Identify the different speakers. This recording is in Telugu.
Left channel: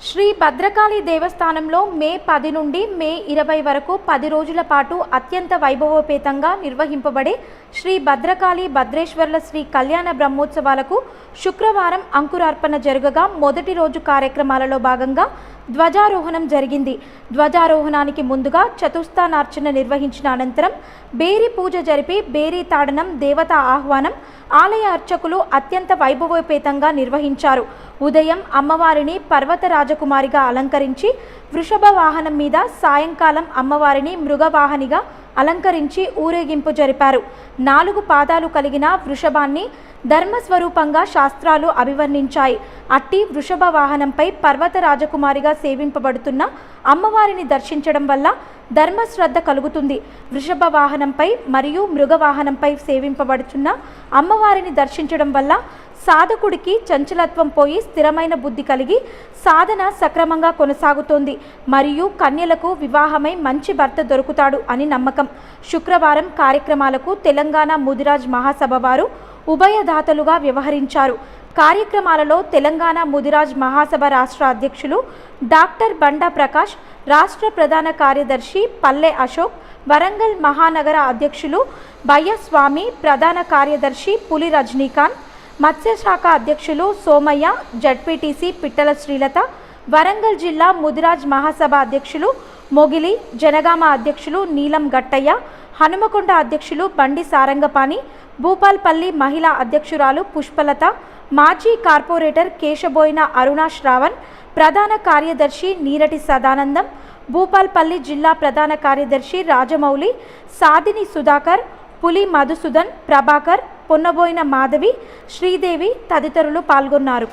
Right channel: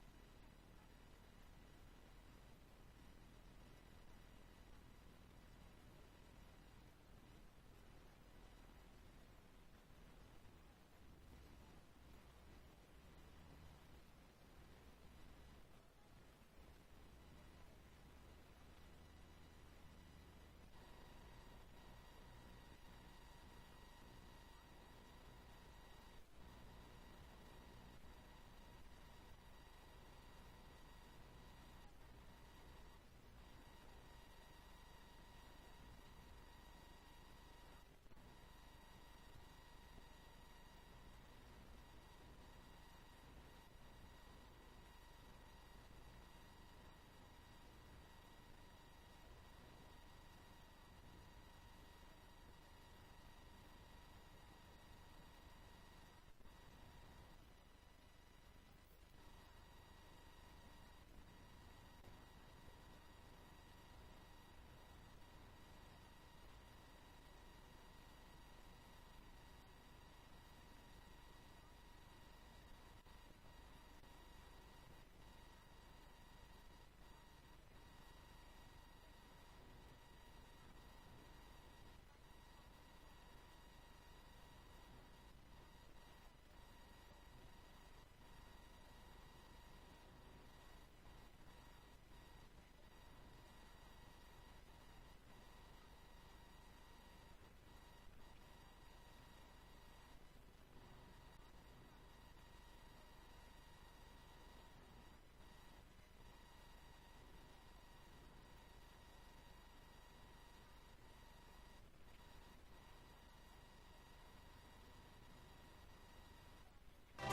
Speaker 1: శ్రీ భద్రకాళి దేవస్థానంలో మే పది నుండి మే ఇరవై వరకు పది రోజుల పాటు అత్యంత వైభవోపేతంగా నిర్వహింపబడే శ్రీ భద్రకాళి భద్రేశ్వర్ల శ్రీ కళ్యాణ బ్రహ్మోత్సవాలకు శుక్రవారం అంకురార్పణ జరగగా మొదటి రోజు కార్యక్రమాలలో భాగంగా ధ్వజారోహణం జరిగింది. ధ్వజారోహణానికి ముందుగా చతుస్థానార్చన నిర్వహించిన అనంతరం బేరి పూజ జరిపి బేరీ తాడనం దేవత ఆహ్వానం ఆలయ అర్చకులు అత్యంత వైభవోపేతంగా నిర్వహించారు. ఉదయం అమ్మవారిని పర్వత రాజకుమారిగా అలంకరించి వృషభ వాహనం మీద సాయంకాలం అమ్మవారిని మృగవాహనిగా అలంకరించి ఊరేగింపు జరిపారు. నాలుగు పాదాలు కలిగిన వృషభాన్ని ధర్మస్వరూపంగా శాస్త్రాలు అభివర్ణించాయి. అట్టి వృషభ వాహనంపై పర్వత రాజకుమారిగా సేవింపబడుతున్న అమ్మవారిని దర్శించడం వల్ల ధర్మశ్రద్ధ కలుగుతుంది. వృషభ వాహనంపై మరియు మృగ వాహనంపై సేవింపబడుతున్న అమ్మవారిని దర్శించడం వల్ల సాధకుడికి చంచలత్వం పోయి స్థిరమైన బుద్ధి కలిగి సాధన సక్రమంగా కొనసాగుతోంది. మరియు కన్యలకు వివాహమై మంచి భర్త దొరుకుతాడు అని నమ్మకం. శుక్రవారం కార్యక్రమాలకు తెలంగాణ ముదిరాజ్ మహాసభ వారు ఉభయదాతలుగా వ్యవహరించారు. కార్యక్రమాలలో తెలంగాణ ముదిరాజ్ మహాసభ రాష్ట్ర అధ్యక్షులు డాక్టర్ బండా ప్రకాష్ రాష్ట్ర ప్రధాన కార్యదర్శి పల్లె అశోక్ వరంగల్ మహానగర అధ్యక్షులు బయ్యస్వామి ప్రధాన కార్యదర్శి పులి రజనీకాంత్ మత్స్యశాఖ అధ్యక్షులు సోమయ్య జడ్పీటీసీ పిట్టల శ్రీలత వరంగల్ జిల్లా ముదిరాజ్ మహాసభ అధ్యక్షులు మొగిలి జనగామ అధ్యక్షులు నీలం గట్టయ్య హనుమకొండ అధ్యక్షులు బండి సారంగపాణి భూపాల్పల్లి మహిళా అధ్యక్షురాలు పుష్పలత మాజీ కార్పొరేటర్ కేశబోయిన అరుణ శ్రావణ్ ప్రధాన కార్యదర్శి నీరటి సదానందం భూపాల్పల్లి జిల్లా ప్రధాన కార్యదర్శి రాజమౌళి సాదిని సుధాకర్ పులి మధుసూదన్ ప్రభాకర్ పొన్నబోయిన మాధవి శ్రీదేవి తదితరులు పాల్గొన్నారు.